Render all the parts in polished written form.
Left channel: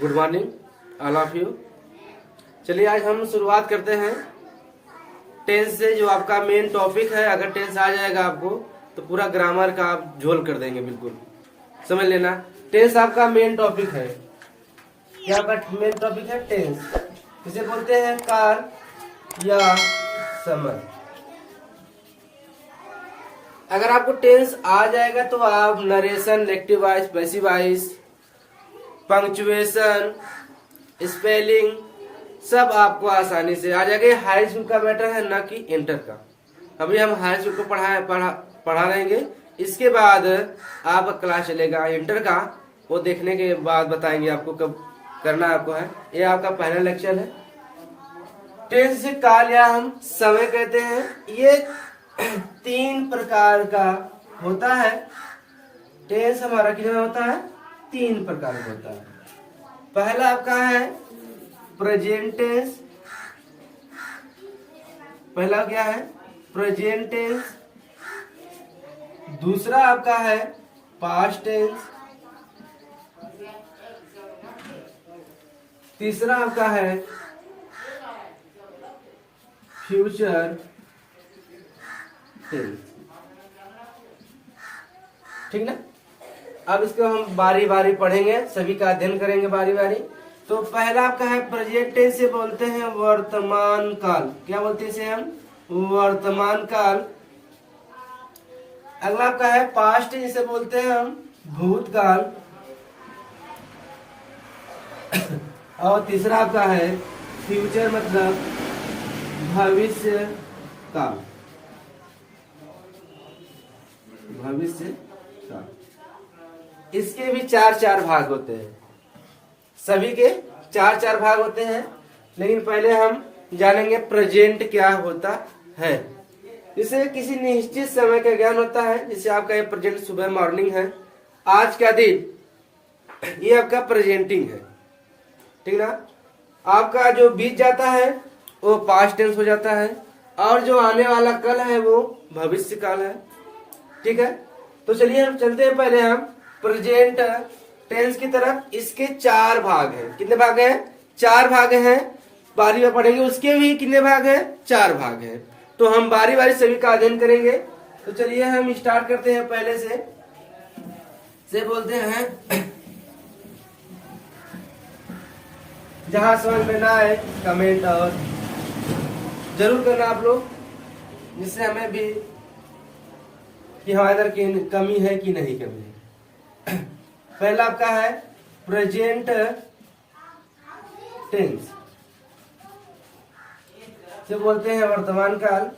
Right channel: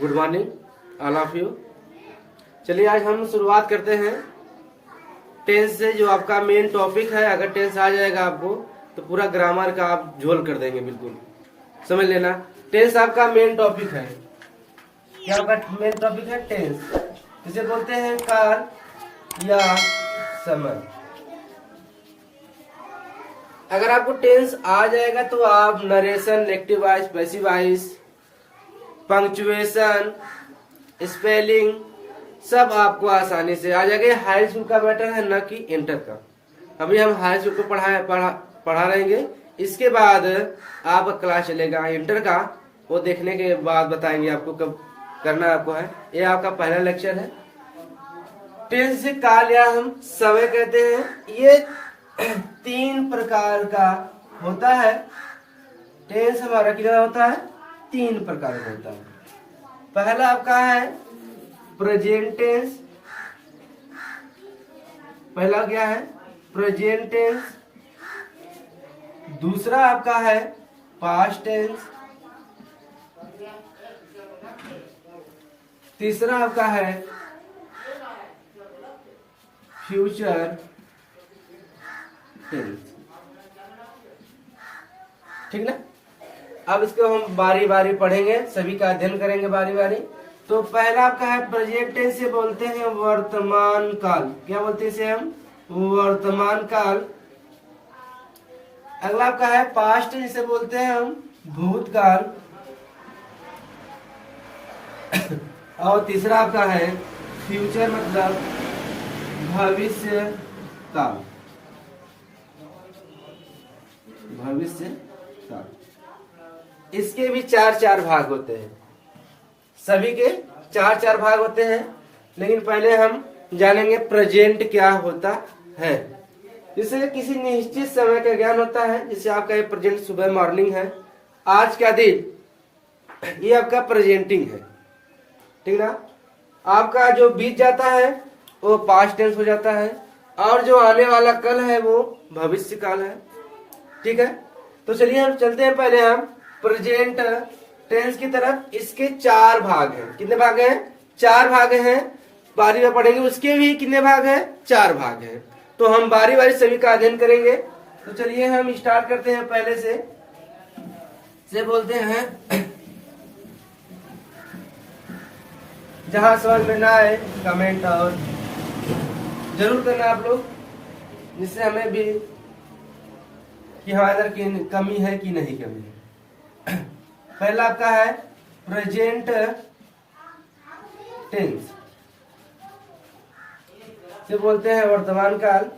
Good morning all of you. चलिए आज हम शुरुआत करते हैं टेंस से। जो आपका मेन टॉपिक है, अगर टेंस आ जाएगा आपको तो पूरा ग्रामर का आप झोल कर देंगे, बिल्कुल समझ लेना। टेंस आपका मेन टॉपिक है। क्या आपका मेन टॉपिक है? टेंस। इसे बोलते हैं काल या समय। अगर आपको टेंस आ जाएगा तो आप narration, negative voice, passive voice, punctuation, spelling सब आपको आसानी से आ जाएगा। हाई स्कूल का मैटर है, न कि इंटर का। अभी हम हाई स्कूल को पढ़ा रहेंगे, इसके बाद आपका क्लास चलेगा इंटर का। वो देखने के बाद बताएंगे आपको कब करना आपको है। ये आपका पहला लेक्चर है। टेंस से काल या हम समय कहते हैं। ये 3 प्रकार का होता है। टेंस हमारा कितना होता है? 3 प्रकार का होता है। पहला आपका है प्रेजेंट टेंस। पहला क्या है? Present tense. दूसरा आपका है पास्ट टेंस। तीसरा आपका है फ्यूचर टेंस। ठीक ना? अब इसको हम बारी बारी पढ़ेंगे, सभी का अध्ययन करेंगे बारी बारी। तो पहला आपका है प्रेजेंट टेंस, से बोलते हैं वर्तमान काल। क्या बोलते हैं इसे हम? वर्तमान काल। अगला आपका है पास्ट टेंस, से बोलते हैं हम भूतकाल। और तीसरा आपका है फ्यूचर, मतलब भविष्य काल। भविष्य काल। इसके भी 4 भाग होते हैं। सभी के 4 भाग होते हैं। लेकिन पहले हम जानेंगे प्रेजेंट क्या होता है। जिससे किसी निश्चित समय का ज्ञान होता है। जैसे आपका ये प्रेजेंट सुबह मॉर्निंग है, आज का दिन, ये आपका प्रेजेंटिंग है। ठीक ना? आपका जो बीत जाता है वो पास्ट टेंस हो जाता है, और जो आने वाला कल है वो भविष्य काल है। ठीक है? तो चलिए हम चलते हैं पहले हम प्रेजेंट टेंस की तरफ। इसके 4 भाग हैं। कितने भाग हैं? 4 भाग हैं। बारी में पढ़ेंगे, उसके भी कितने भाग हैं? 4 भाग हैं। तो हम बारी बारी सभी का अध्ययन करेंगे। तो चलिए हम स्टार्ट करते हैं पहले से बोलते हैं। जहां समझ में ना आए कमेंट और जरूर करना आप लोग, जिससे हमें भी कि हमारे अंदर की कमी है कि नहीं कमी है। पहला आपका है प्रेजेंट टेंस, से बोलते हैं वर्तमान काल।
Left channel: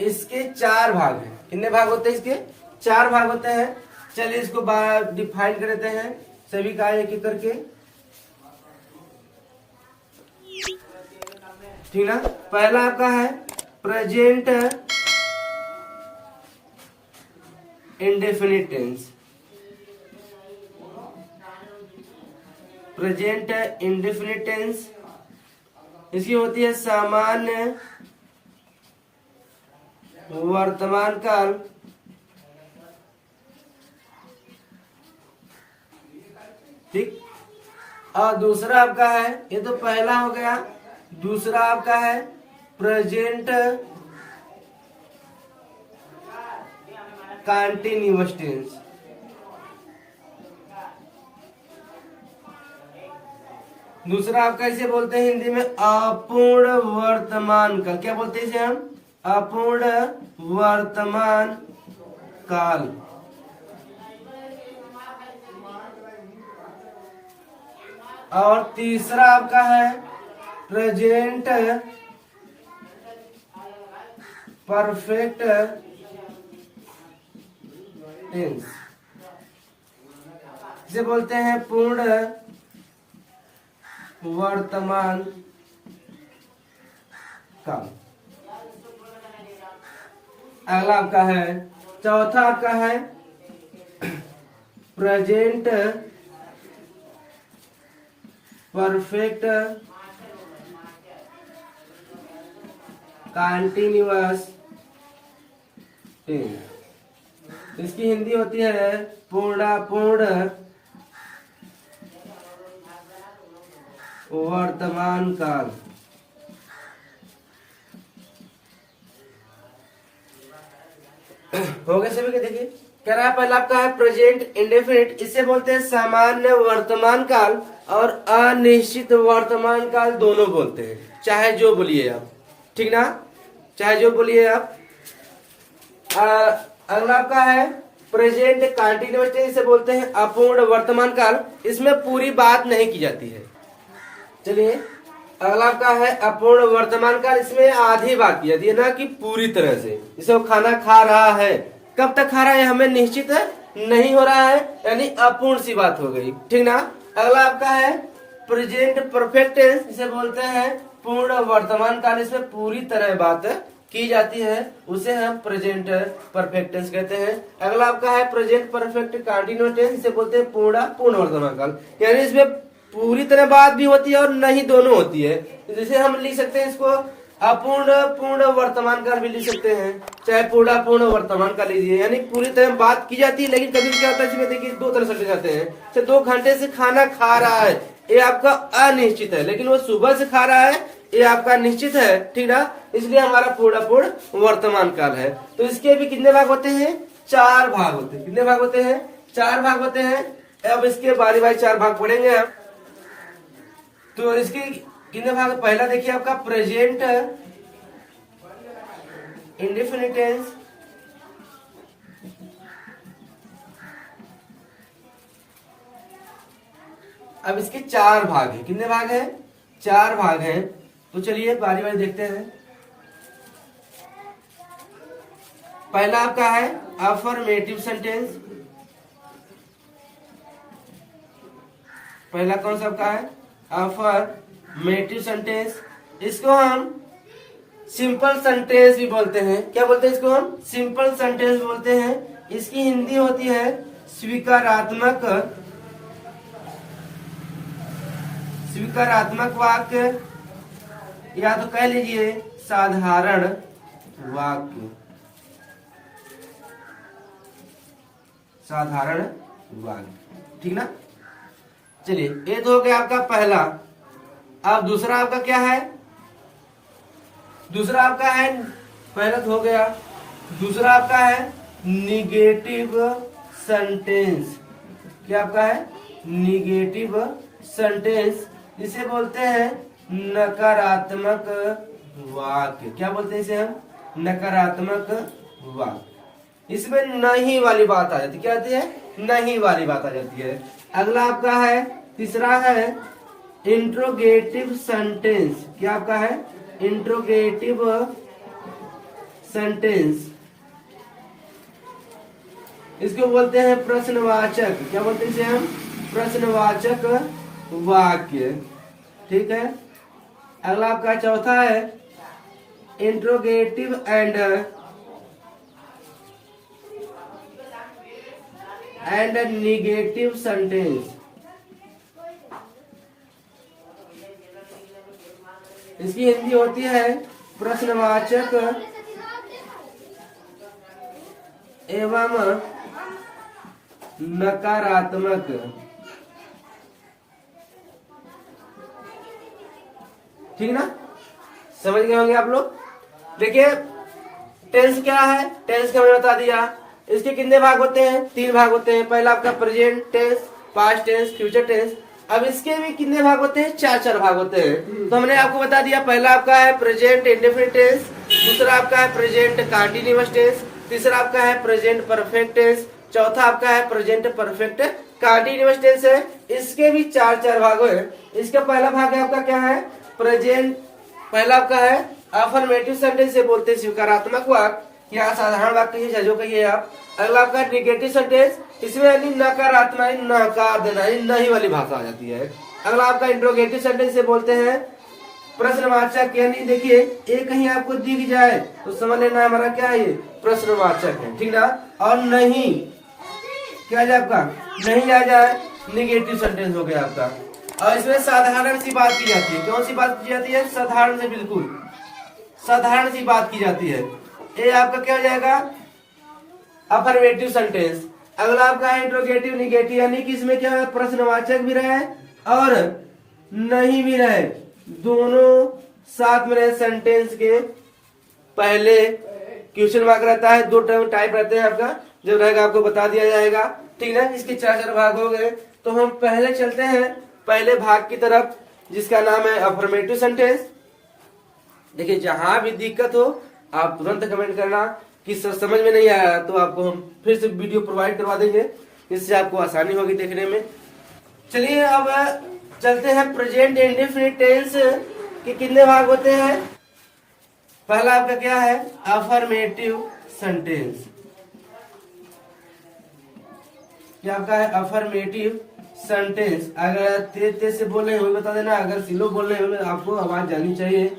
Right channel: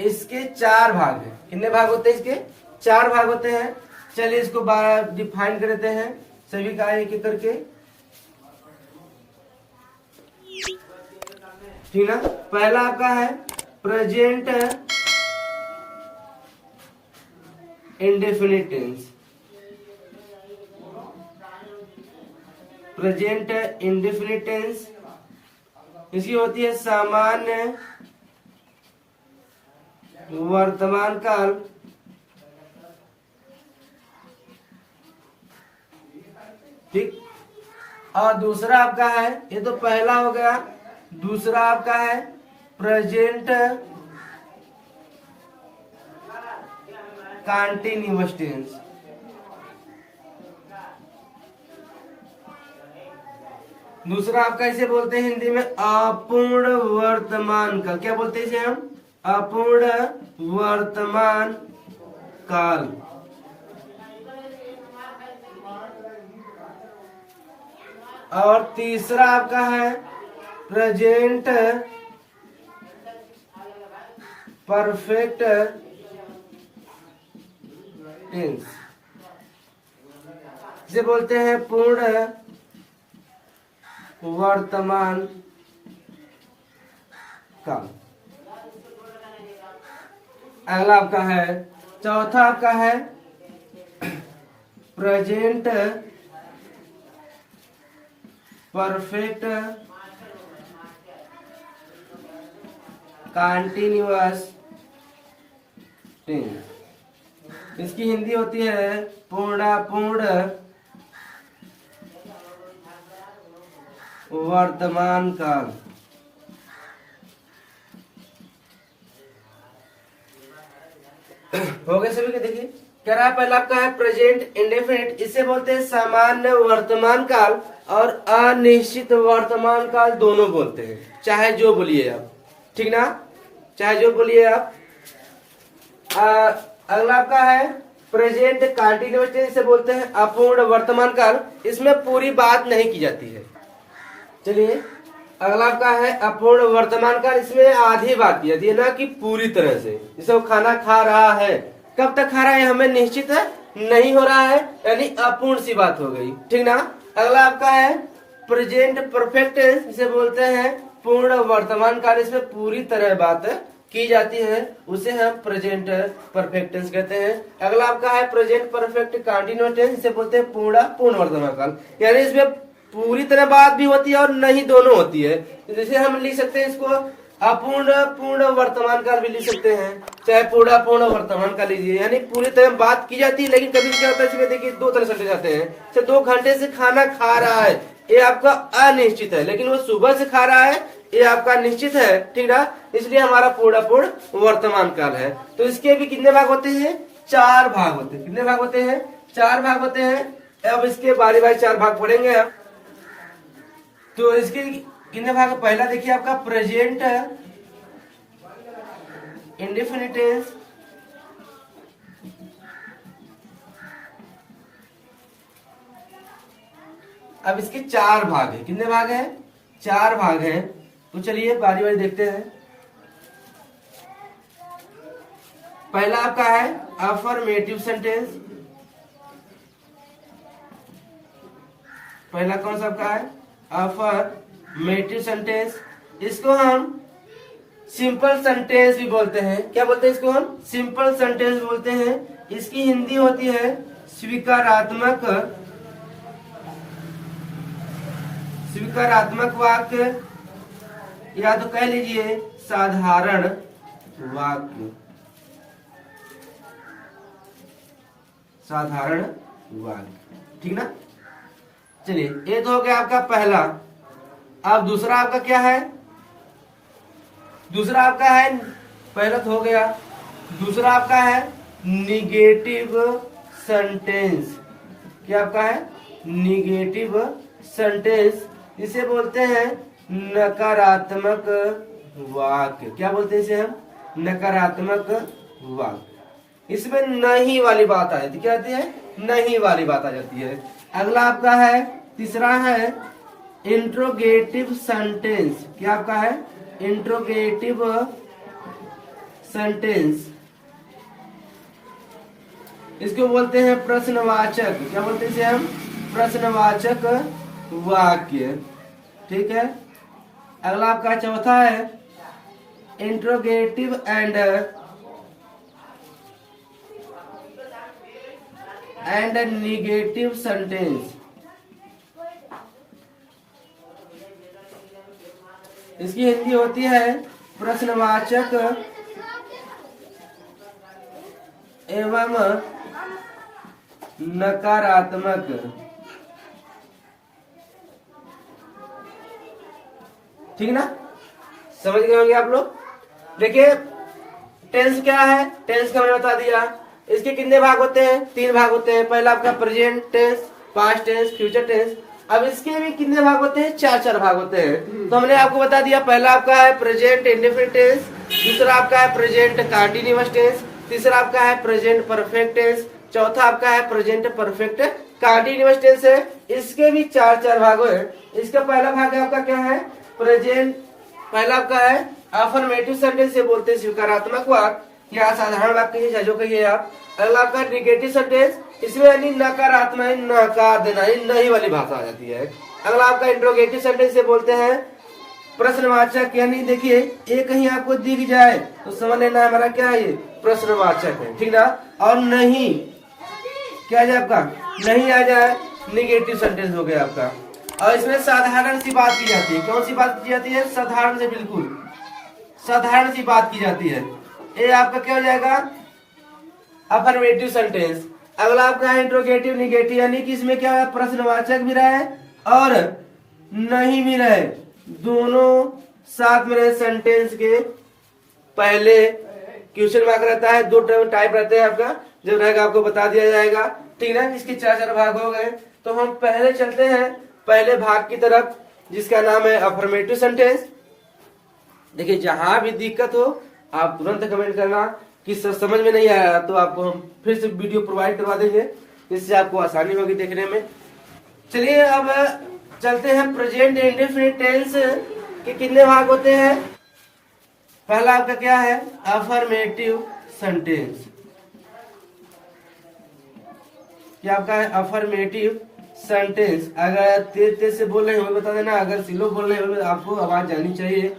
इसके 4 भाग हैं। कितने भाग होते हैं इसके? 4 भाग होते हैं। चलिए इसको डिफाइन कर देते हैं सभी का एक एक करके। ठीक है? पहला आपका है present indefinite tense. Present indefinite tense इसकी होती है सामान्य वर्तमान काल। ठीक। और दूसरा आपका है, ये तो पहला हो गया। दूसरा आपका है प्रेजेंट कंटीन्यूअस टेंस। दूसरा आपका इसे बोलते हैं हिंदी में अपूर्ण वर्तमान काल। क्या बोलते हैं इसे हम? अपूर्ण वर्तमान काल। और तीसरा आपका है प्रेजेंट परफेक्ट टेंस, इसे बोलते हैं पूर्ण वर्तमान काल। अगला आपका है, चौथा आपका है प्रेजेंट परफेक्ट कंटीन्यूअस टेंस। इसकी हिंदी होती है पूर्णापूर्ण वर्तमान काल। हो गए सभी का। देखिए कह रहा है पहला आपका है प्रेजेंट इंडेफिनिट, इसे बोलते हैं सामान्य वर्तमान काल और अनिश्चित वर्तमान काल दोनों बोलते हैं, चाहे जो बोलिए आप, ठीक ना, चाहे जो बोलिए आप। अगला आपका है प्रेजेंट कंटिन्यूअस टेंस, इसे बोलते हैं अपूर्ण वर्तमान काल, इसमें पूरी बात नहीं की जाती है। चलिए अगला आपका है अपूर्ण वर्तमान काल, इसमें आधी बात की जाती है, ना कि पूरी तरह से। जैसे वो खाना खा रहा है, कब तक खा रहा है हमें निश्चित नहीं हो रहा है, यानी अपूर्ण सी बात हो गई, ठीक ना। अगला आपका है प्रेजेंट परफेक्ट टेंस, इसे बोलते हैं पूर्ण वर्तमान काल, इसमें पूरी तरह बात की जाती है, उसे हम प्रेजेंट परफेक्ट टेंस कहते हैं। अगला आपका है प्रेजेंट परफेक्ट कंटिन्यूअस टेंस, इसे बोलते हैं पूर्ण वर्तमान काल, यानी इसमें पूरी तरह बात भी होती है और नहीं दोनों होती है। तो जैसे हम लिख सकते हैं इसको अपूर्ण पूर्ण वर्तमान काल भी लिख सकते हैं, चाहे पूर्ण वर्तमान काल लीजिए, यानी पूरी तरह बात की जाती है, लेकिन कभी क्या होता है इसमें देखिए दो तरह से जाते हैं। तो 2 घंटे से खाना खा रहा है, ये आपका अनिश्चित है, लेकिन वो सुबह से खा रहा है, ये आपका निश्चित है, ठीक ना, इसलिए हमारा पूर्ण वर्तमान काल है। तो इसके भी कितने भाग होते हैं? 4 भाग होते हैं। कितने भाग होते हैं? 4 भाग होते हैं। अब इसके बारी बारी 4 भाग पढ़ेंगे हम। तो इसके कितने भाग? पहला देखिए आपका प्रेजेंट इंडेफिनिट टेंस, अब इसके 4 भाग है। कितने भाग हैं? 4 भाग हैं। तो चलिए बारी बारी देखते हैं। पहला आपका है अफर्मेटिव सेंटेंस, पहला कौन सा आपका है? अफर्मेटिव सेंटेंस, इसको हम सिंपल सेंटेंस भी बोलते हैं। क्या बोलते हैं इसको? हम सिंपल सेंटेंस बोलते हैं। इसकी हिंदी होती है स्वीकारात्मक वाक्य, या तो कह लीजिए साधारण वाक्य, साधारण वाक्य, ठीक ना। चलिए ये तो हो गया आपका पहला। अब दूसरा आपका क्या है? दूसरा आपका है, पहला तो हो गया, दूसरा आपका है निगेटिव सेंटेंस। क्या आपका है? निगेटिव सेंटेंस, इसे बोलते हैं नकारात्मक वाक्य। क्या बोलते हैं इसे हम? नकारात्मक वाक्य। इसमें नहीं वाली बात आ जाती है। क्या आती है? नहीं वाली बात आ जाती है। अगला आपका है तीसरा है इंट्रोगेटिव सेंटेंस। क्या आपका है? इंट्रोगेटिव सेंटेंस, इसको बोलते हैं प्रश्नवाचक। क्या बोलते हैं इसे हम? प्रश्नवाचक वाक्य, ठीक है। अगला आपका चौथा है इंट्रोगेटिव एंड निगेटिव सेंटेंस, इसकी हिंदी होती है प्रश्नवाचक एवं नकारात्मक। ठीक ना, समझ गए होंगे आप लोग। देखिए टेंस क्या है? टेंस का मैंने बता दिया। इसके कितने भाग होते हैं? 3 भाग होते हैं। पहला आपका present tense, past tense, future tense. अब इसके भी कितने भाग होते हैं? 4 भाग होते हैं। तो हमने आपको बता दिया, पहला आपका है प्रेजेंट इंडेफिनिट टेंस, दूसरा आपका है प्रेजेंट कंटीन्यूअस टेंस, तीसरा आपका है प्रेजेंट परफेक्ट टेंस, चौथा आपका है प्रेजेंट परफेक्ट कंटीन्यूअस टेंस है। इसके भी 4 भाग है। इसका पहला भाग है आपका क्या है? प्रेजेंट, पहला आपका है अफर्मेटिव सेंटेंस से बोलते हैं स्वीकारात्मक वाक्य या साधारण वाक्य कहिए, जो कहिए आप। अगला आपका निगेटिव सेंटेंस, इसमें यानी नकारात्मक, नकार देना, नहीं वाली भाषा आ जाती है। अगला आपका इंट्रोगेटिव सेंटेंस से बोलते हैं प्रश्नवाचक, यानी देखिए ये कहीं आपको दिख जाए तो समझ लेना हमारा क्या है, ये प्रश्नवाचक है, ठीक ना। और नहीं क्या है आपका? नहीं आ जाए, निगेटिव सेंटेंस हो गया आपका। और इसमें साधारण सी बात की जाती है। कौन सी बात की जाती है? साधारण से, बिल्कुल साधारण सी बात की जाती है। ये आपका क्या हो जाएगा? Affirmative sentence. अगला आपका है इंट्रोगेटिव निगेटिव, यानी कि इसमें क्या है, प्रश्नवाचक भी रहे और नहीं भी रहे, दोनों साथ में रहे। सेंटेंस के पहले क्वेश्चन मार्क रहता है, दो टाइप रहते हैं आपका, जब रहेगा आपको बता दिया जाएगा। ठीक है, इसके चार चार भाग हो गए। तो हम पहले चलते हैं पहले भाग की तरफ, जिसका नाम है अफर्मेटिव सेंटेंस। देखिए, जहां भी दिक्कत हो आप तुरंत कमेंट करना कि सर समझ में नहीं आया, तो आपको हम फिर से वीडियो प्रोवाइड करवा देंगे, इससे आपको आसानी होगी देखने में। चलिए अब चलते हैं प्रेजेंट इंडेफिनिट टेंस के कितने भाग होते हैं। पहला आपका क्या है, अफर्मेटिव सेंटेंस। क्या आपका है, अफर्मेटिव सेंटेंस। अगर तेज तेज से बोल रहे हो बता देना, अगर स्लो बोल रहे हो आपको आवाज जानी चाहिए।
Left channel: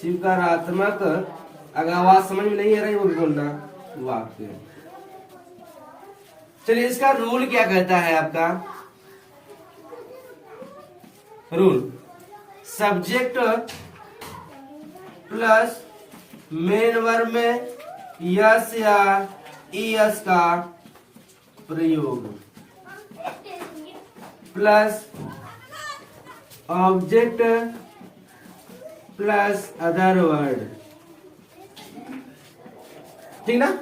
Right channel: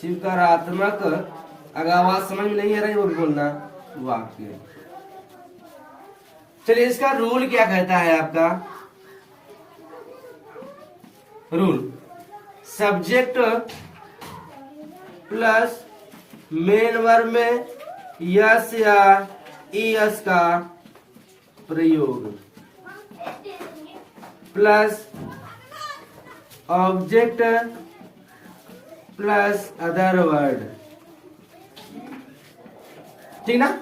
स्वीकारात्मक, अगर आवाज समझ में नहीं आ रही वो भी बोलना वाक्य। चलिए, इसका रूल क्या कहता है आपका, rule subject plus main verb में यस या ईएस का प्रयोग plus object plus other word. ठीक ना,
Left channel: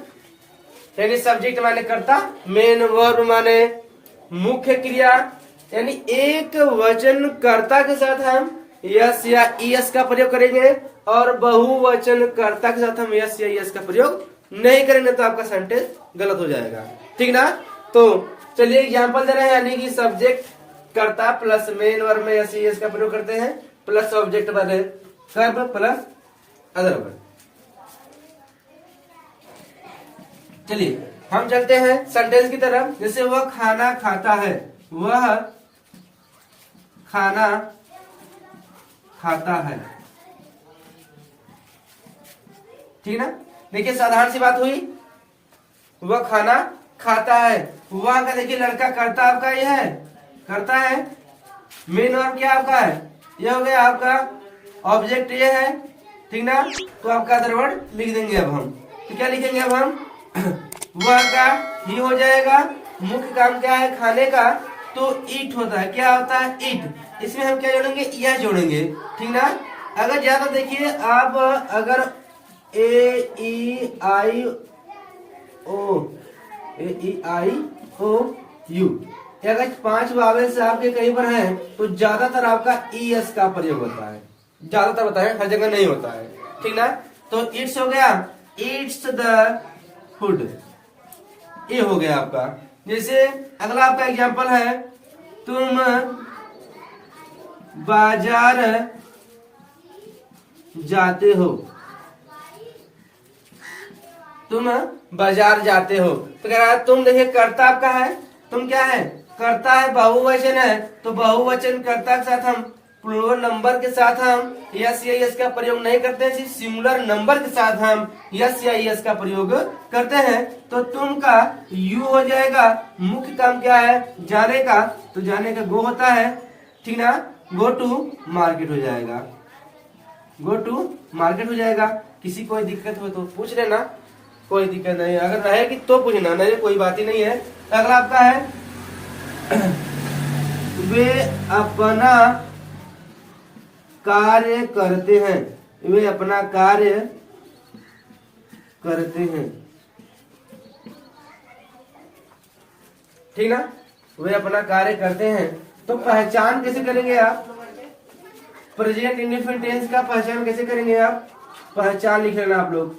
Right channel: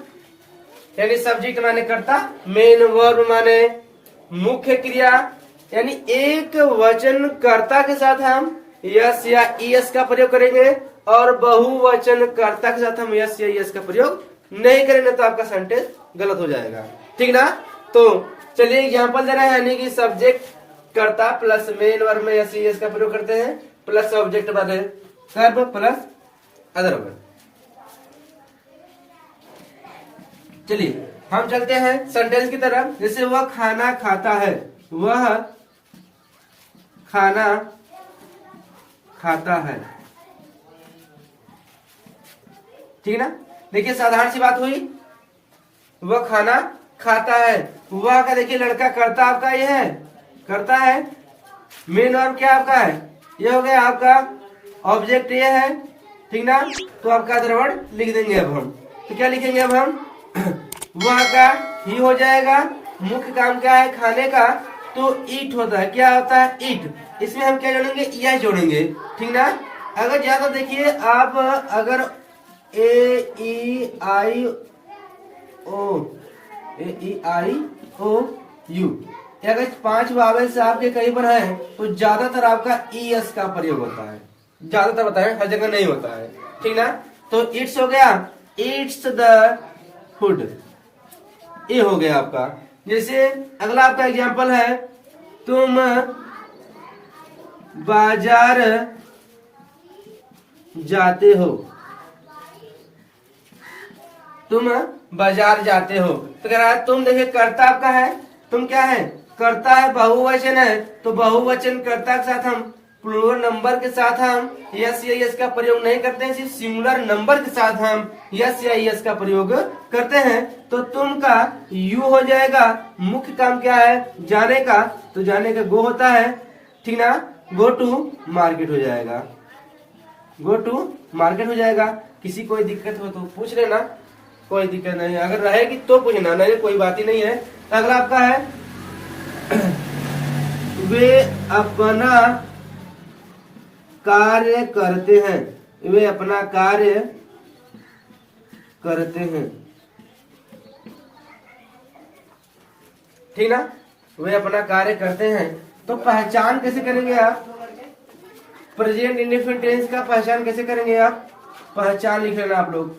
यानी सब्जेक्ट माने कर्ता, मेन वर्ब माने मुख्य क्रिया, यानी एक वचन कर्ता के साथ हम यस या ईएस का प्रयोग करेंगे और बहुवचन कर्ता के साथ हम यस या ईएस का प्रयोग नहीं करेंगे, तो आपका सेंटेंस गलत हो जाएगा। ठीक ना, तो चलिए एग्जांपल दे रहे हैं, यानी कि सब्जेक्ट कर्ता प्लस मेन वर्ब में यस ईएस का प्रयोग करते हैं, प्लस ऑब्जेक्ट वाले कर्म प्लस अदर वर्ब। चलिए हम चलते हैं सेंटेंस की तरफ। जैसे वह खाना खाता है, वह खाना खाता है। ठीक ना, देखिए साधारण सी बात हुई, वह खाना खाता है। वह का देखिए लड़का करता आपका ये है, करता है। मेन वर्ब क्या आपका है, ये हो गया आपका, ऑब्जेक्ट ये है। ठीक ना, तो आपका अदर वर्ड लिख देंगे अब हम। तो क्या लिखेंगे अब हम, वह का ही हो जाएगा। मुख्य काम क्या है, खाने का, तो ईट होता है। क्या होता है, ईट। इसमें हम क्या जोड़ेंगे, यह जोड़ेंगे। ठीक ना, अगर ज्यादा देखिए आप, अगर ए ई आई ओ यू, अगर 5 वावेल से आपके कहीं पर है तो ज्यादातर आपका ईएस का प्रयोग होता है, ज्यादातर होता है, हर जगह नहीं होता है। ठीक ना, तो इट्स हो गया, इट्स द फूड, ये हो गया आपका। जैसे अगला आपका एग्जांपल है, तुम बाजार जाते हो, तुम बाजार जाते हो। तो कह रहा है, तुम देखिए कर्ता आपका है, तुम क्या है, कर्ता है, बहुवचन है, तो बहुवचन कर्ता के साथ हम प्लूरल नंबर के साथ हम यस या यस का प्रयोग नहीं करते हैं, सिर्फ सिंगुलर नंबर के साथ हम यस या यस का प्रयोग करते हैं। तो तुम का यू हो जाएगा। मुख्य काम क्या है, जाने का, तो जाने का गो होता है। ठीक ना, गो टू मार्केट हो जाएगा, गो टू मार्केट हो जाएगा। किसी कोई दिक्कत हो तो पूछ लेना, कोई दिक्कत नहीं, अगर रहेगी तो पूछना, नहीं कोई बात ही नहीं है। अगला आपका है, वे अपना कार्य करते हैं, वे अपना कार्य करते हैं। ठीक ना, वे अपना कार्य करते हैं। तो पहचान कैसे करेंगे आप, प्रेजेंट इंडेफिनिट टेंस का पहचान कैसे करेंगे आप, पहचान लिख लेना, आप लोग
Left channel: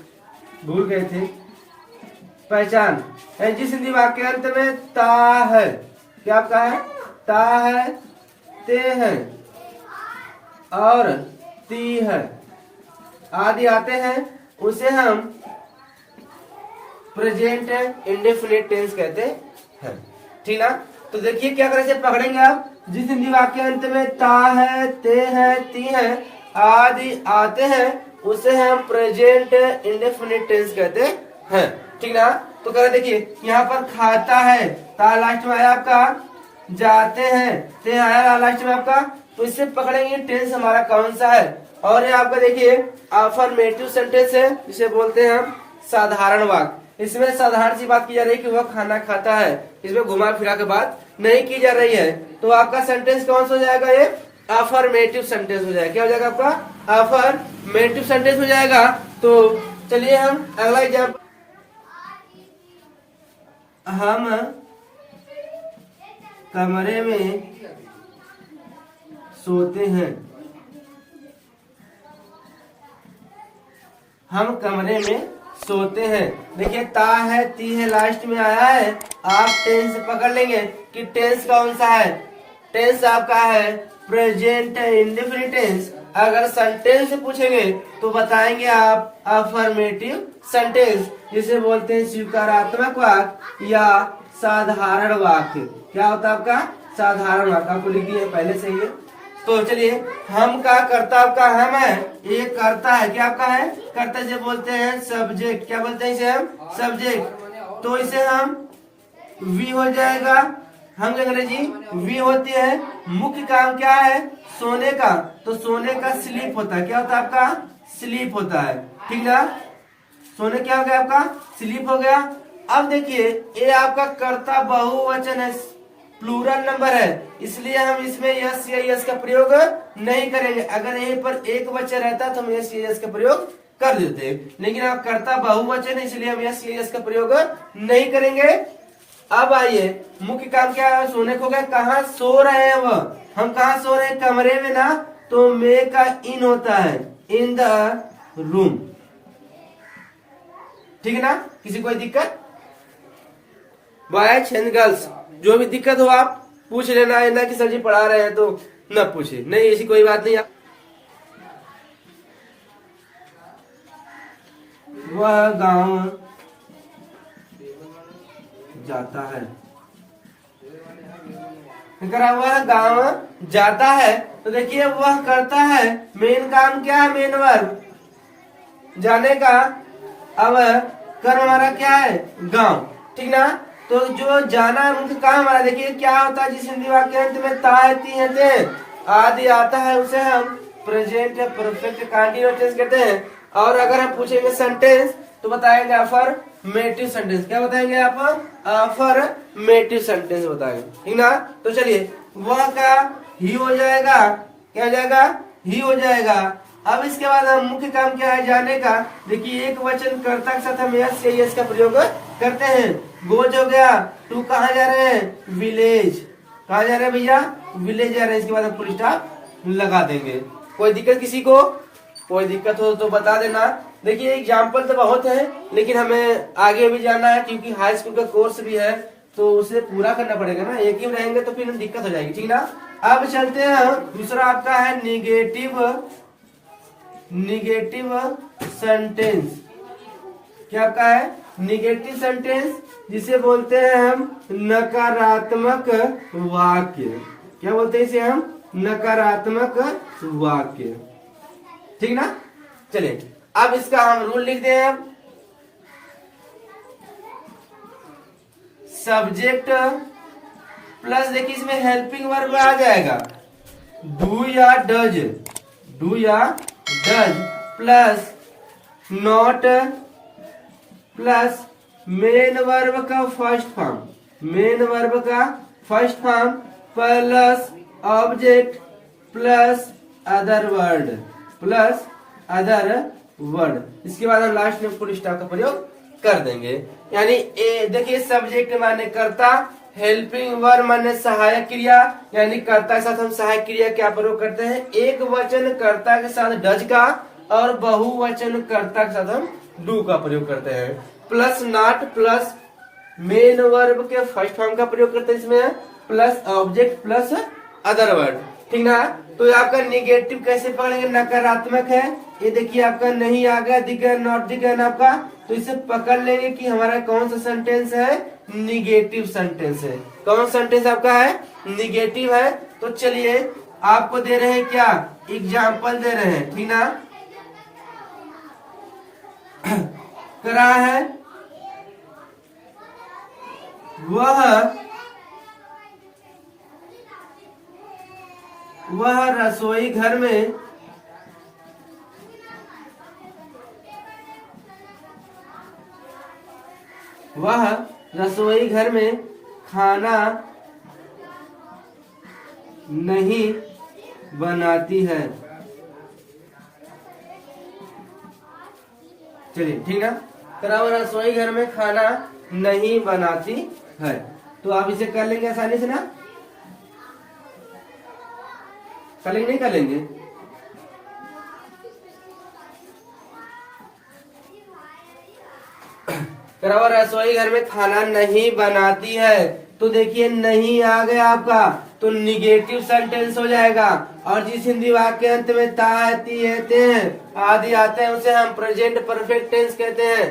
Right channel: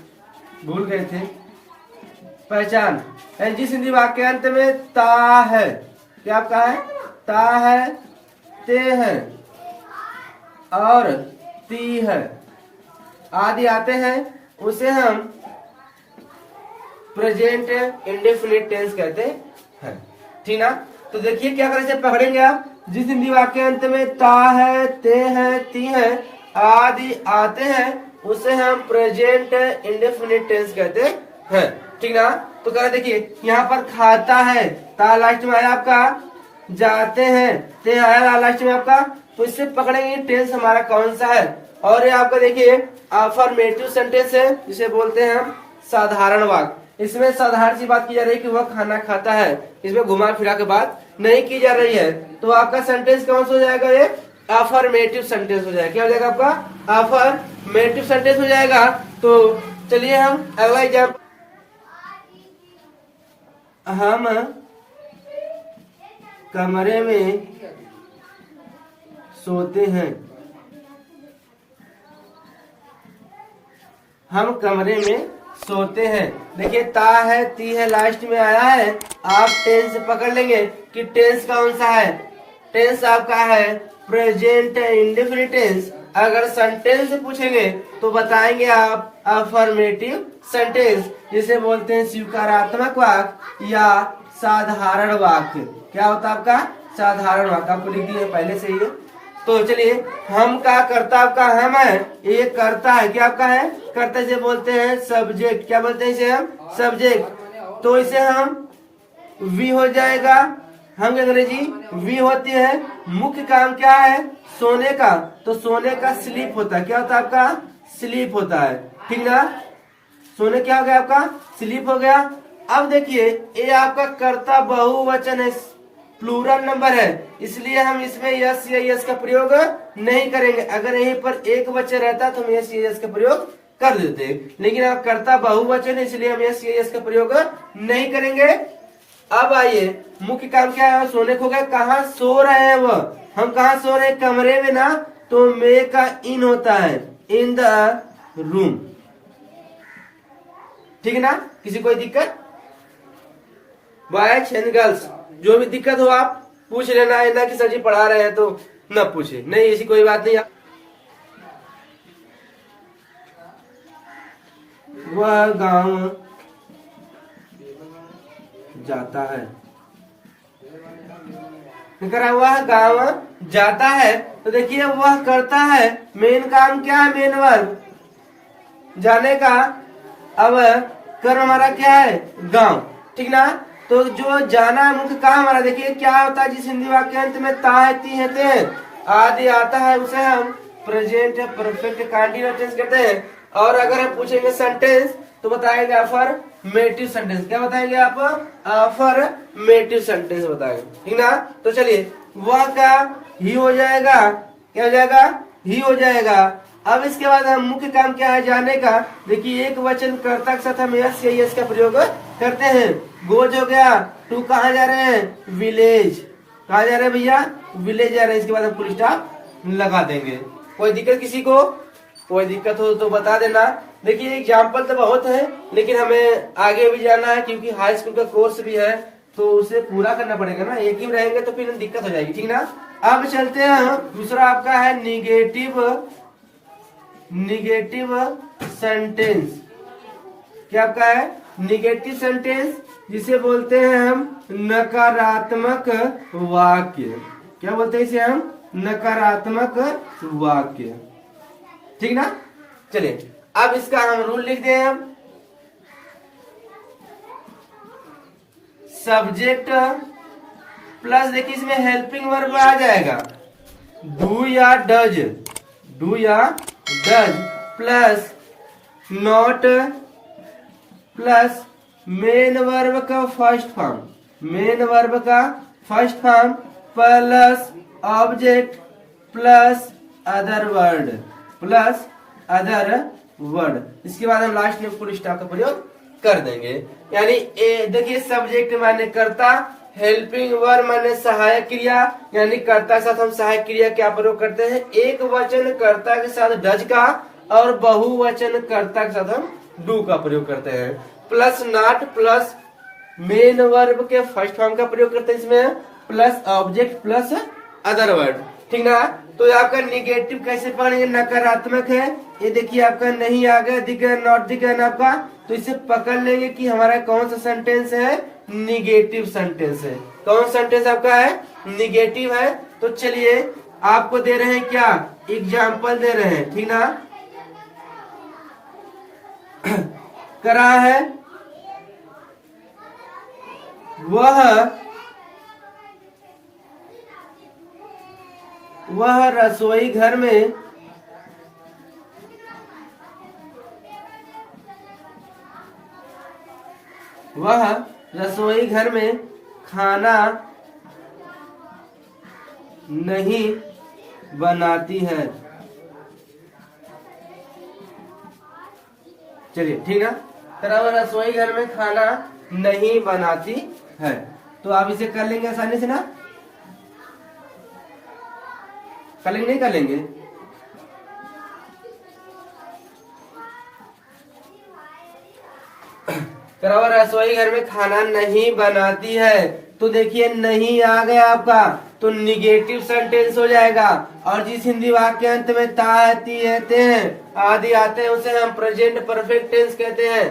भूल गए थे। पहचान है जिस हिंदी वाक्य अंत में ता है, क्या आपका है, ता है, ते है और ती है आदि आते हैं, उसे हम प्रेजेंट इंडेफिनिट टेंस कहते हैं। ठीक ना, तो देखिए क्या करें, से पकड़ेंगे आप, जिस हिंदी वाक्य अंत में ता है, ते है, ती है आदि आते हैं, उसे हम प्रेजेंट इंडेफिनिट टेंस कहते हैं। ठीक ना, तो कह रहे देखिए यहाँ पर खाता है, ता लास्ट में आया आपका, जाते हैं, ते आया लास्ट में आपका, तो इससे पकड़ेंगे टेंस हमारा कौन सा है। और ये आपका देखिए अफर्मेटिव सेंटेंस है, जिसे बोलते हैं हम साधारण वाक्य। इसमें साधारण सी बात की जा रही है कि वह खाना खाता है, इसमें घुमा फिरा के बात नहीं की जा रही है। तो आपका सेंटेंस कौन सा हो जाएगा, ये अफर्मेटिव सेंटेंस हो जाएगा। क्या हो जाएगा आपका, अफर्मेटिव सेंटेंस हो जाएगा। तो चलिए हम अगला एग्जाम्पल, हम कमरे में सोते हैं, हम कमरे में सोते हैं। देखिए ता है, ती है, लास्ट में आया है। आप टेंस पकड़ लेंगे कि टेंस कौन सा है। टेंस आपका है प्रेजेंट इंडेफिनिट टेंस। अगर सेंटेंस पूछेंगे तो बताएंगे आप अफर्मेटिव सेंटेंस, जिसे बोलते हैं स्वीकारात्मक वाक्य या साधारण वाक्य। क्या होता है आपका, साधारण वाक्य। आपको लिख दिए पहले से ही। तो चलिए, हम का कर्ता आपका हम है, ये कर्ता है। क्या आपका है, कर्ता से बोलते हैं सब्जेक्ट। क्या बोलते हैं इसे हम, सब्जेक्ट। तो इसे हम वी हो जाएगा। हम अंग्रेजी वी होती है। मुख्य काम क्या है, सोने का। तो सोने का स्लीप होता है। क्या होता है आपका, स्लीप होता है। ठीक ना, सोने क्या हो गया आपका, स्लीप हो गया। अब देखिए ये आपका कर्ता बहुवचन है, प्लूरल नंबर है, इसलिए हम इसमें यस या यस का प्रयोग नहीं करेंगे। अगर यहीं पर एक वचन रहता तो हम यस या यस का प्रयोग कर देते, लेकिन अब कर्ता बहुवचन है इसलिए हम यस या यस का प्रयोग नहीं करेंगे। अब आइए, मुख्य काम क्या है, सोने को गए। कहाँ सो रहे हैं वह, हम कहाँ सो रहे हैं, कमरे में ना। तो मे का इन होता है, इन द रूम। ठीक है ना, किसी कोई दिक्कत, बॉयज एंड गर्ल्स जो भी दिक्कत हो आप पूछ लेना है ना, कि सर जी पढ़ा रहे हैं तो न पूछे, नहीं ऐसी कोई बात नहीं। वह गांव जाता है, करा हुआ गांव जाता है। तो देखिए वह करता है, मेन काम क्या है, मेन वर्ब जाने का। अब कर्म हमारा क्या है, गांव। ठीक ना, तो जो जाना है मुख्य काम हमारा। देखिए क्या होता है, जिस हिंदी वाक्य अंत में ता ती है ते आदि आता है उसे हम प्रेजेंट या परफेक्ट कंटीन्यूअस टेंस कहते हैं। और अगर हम पूछेंगे सेंटेंस तो बताएंगे अफर्मेटिव सेंटेंस। क्या बताएंगे आप, अफर्मेटिव सेंटेंस बताएंगे। ठीक ना, तो चलिए वह का ही हो जाएगा। क्या हो जाएगा, ही हो जाएगा। अब इसके बाद हम मुख्य काम क्या है, जाने का। देखिए एक वचन कर्ता के साथ हम यस या यस का प्रयोग करते हैं। गोज हो गया, टू कहाँ जा रहे हैं, विलेज। कहाँ जा रहे हैं भैया, विलेज जा रहे हैं। इसके बाद हम फुल स्टॉप लगा देंगे। कोई दिक्कत किसी को, कोई दिक्कत हो तो बता देना। देखिए एग्जाम्पल तो बहुत है, लेकिन हमें आगे भी जाना है क्योंकि हाई स्कूल का कोर्स भी है, तो उसे पूरा करना पड़ेगा ना। एक ही में रहेंगे तो फिर दिक्कत हो जाएगी। ठीक ना, अब चलते हैं, दूसरा आपका है निगेटिव सेंटेंस। क्या आपका है, निगेटिव सेंटेंस, जिसे बोलते हैं हम नकारात्मक वाक्य। क्या बोलते हैं इसे हम, नकारात्मक वाक्य। ठीक ना, चलिए अब इसका हम रूल लिखते हैं। हम सब्जेक्ट प्लस, देखिए इसमें हेल्पिंग वर्ब आ जाएगा, डू या डज, डू या does plus not plus main verb का फर्स्ट फॉर्म, मेन वर्ब का first form plus object plus other word, plus other word. इसके बाद हम लास्ट में फुल स्टॉप का प्रयोग कर देंगे। यानी देखिए सब्जेक्ट माने कर्ता, हेल्पिंग वर्ब माने सहायक क्रिया, यानी कर्ता के साथ हम सहायक क्रिया क्या प्रयोग करते हैं, एक वचन कर्ता के साथ डज का और बहुवचन कर्ता के साथ हम डू का प्रयोग करते हैं। Plus not plus main verb के फर्स्ट फॉर्म का प्रयोग करते हैं इसमें, plus object plus other word. ठीक ना, तो आपका निगेटिव कैसे पकड़ेंगे, नकारात्मक है, ये देखिए आपका नहीं आ गया, दिख गया, नॉट दिख गया ना आपका, तो इसे पकड़ लेंगे कि हमारा कौन सा सेंटेंस है, निगेटिव सेंटेंस है। कौन सेंटेंस आपका है, निगेटिव है। तो चलिए आपको दे रहे हैं क्या, एग्जाम्पल दे रहे हैं। ठीक ना, करा है वह रसोई घर में वह रसोई घर में खाना नहीं बनाती है। चलिए ठीक ना। तरह वह रसोई घर में खाना नहीं बनाती है, तो आप इसे कर लेंगे आसानी से ना, कर लेंगे नहीं कर लेंगे? तरह वह रसोई घर में खाना नहीं बनाती है, तो देखिए नहीं आ गया आपका, तो निगेटिव सेंटेंस हो जाएगा। और जिस हिंदी वाक्य के अंत में ता है, ती है, ते हैं आदि आते हैं उसे हम प्रेजेंट परफेक्ट टेंस कहते हैं,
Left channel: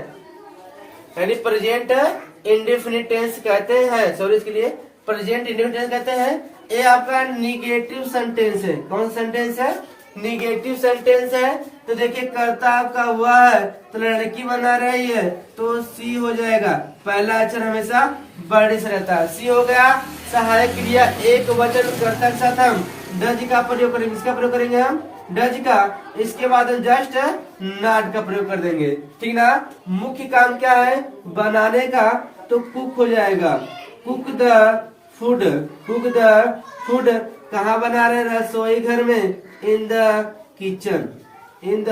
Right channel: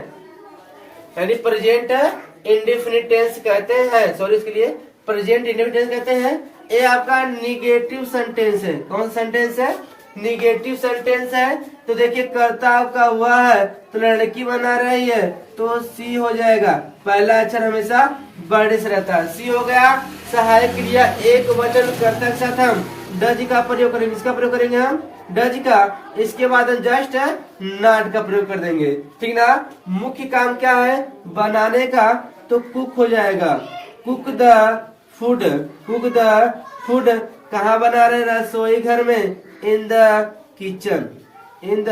यानी प्रेजेंट इंडेफिनिट टेंस कहते हैं। सॉरी, इसके लिए प्रेजेंट इंडेफिनिट टेंस कहते हैं। ये आपका निगेटिव सेंटेंस है। कौन सा सेंटेंस है? निगेटिव सेंटेंस है। तो देखिए कर्ता आपका हुआ है, तो लड़की बना रही है, तो सी हो जाएगा। पहला अक्षर हमेशा बड़े से रहता है। सी हो गया। सहायक क्रिया एक वचन कर्ता के साथ हम डज का प्रयोग करेंगे। इसका प्रयोग करेंगे हम डज का। इसके बाद हम जस्ट नॉट का प्रयोग कर देंगे, ठीक ना। मुख्य काम क्या है बनाने का, तो कुक हो जाएगा। Cook the food, cook the food कहाँ बना रहे? रसोई घर में, in the kitchen, in the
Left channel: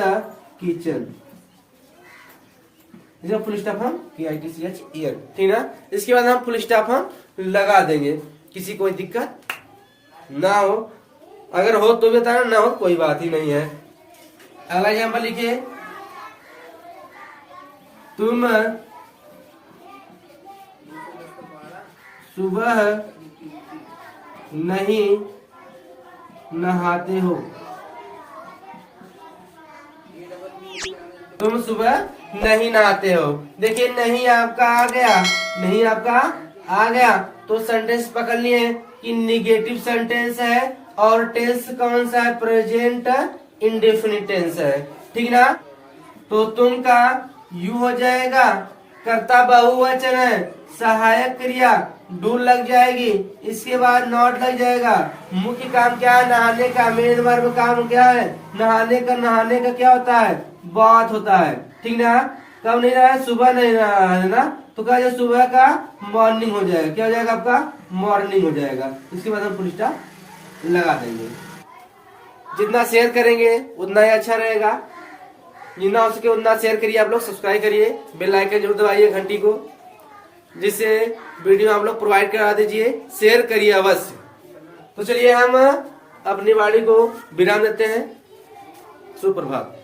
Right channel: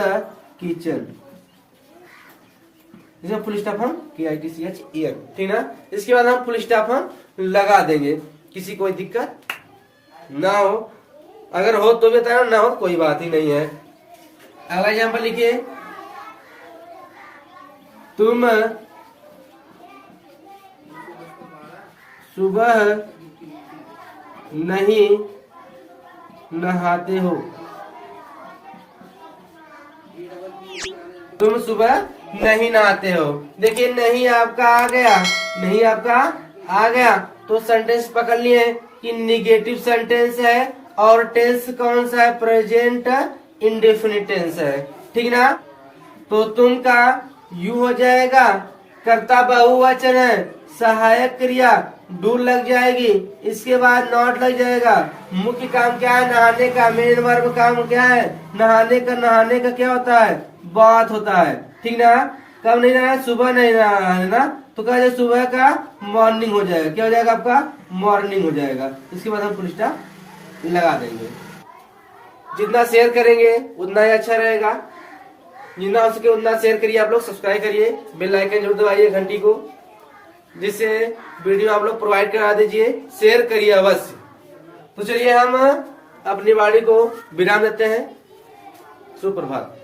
kitchen. Full stop हम ईयर, ठीक ना। इसके बाद हम फुल स्टॉप हम लगा देंगे, किसी कोई दिक्कत ना हो। अगर हो तो भी बताना, ना हो कोई बात ही नहीं है। अगला एग्जाम्पल लिखिए, तुम सुबह नहीं नहाते हो। तुम सुबह नहीं नहाते हो। देखिए नहीं आपका आ गया, नहीं आपका आ गया, तो सेंटेंस पकड़ लिए कि निगेटिव सेंटेंस है और टेंस कौन सा है? प्रेजेंट इंडेफिनिट टेंस है, ठीक ना। तो तुम का यू हो जाएगा, कर्ता बहुवचन है, सहायक क्रिया डू लग जाएगी, इसके बाद नॉट लग जाएगा। मुख्य काम क्या है? नहाने का। मेन वर्ब काम क्या है? नहाने का। नहाने का क्या होता है? बात होता है, ठीक ना। कब नहीं रहा है? सुबह नहीं रहा है ना, तो क्या जाए? सुबह का मॉर्निंग हो जाएगा। क्या हो जाएगा आपका? मॉर्निंग हो जाएगा। इसके बाद हम फुल स्टॉप लगा देंगे। जितना शेयर करेंगे उतना ही अच्छा रहेगा, जितना हो सके उतना शेयर करिए। आप लोग सब्सक्राइब करिए, बेल आइकन जरूर दबाइए घंटी को, जिससे वीडियो आप लोग प्रोवाइड करा दीजिए। शेयर करिए अवश्य। तो चलिए हम अपनी वाणी को विराम देते हैं। सुप्रभात।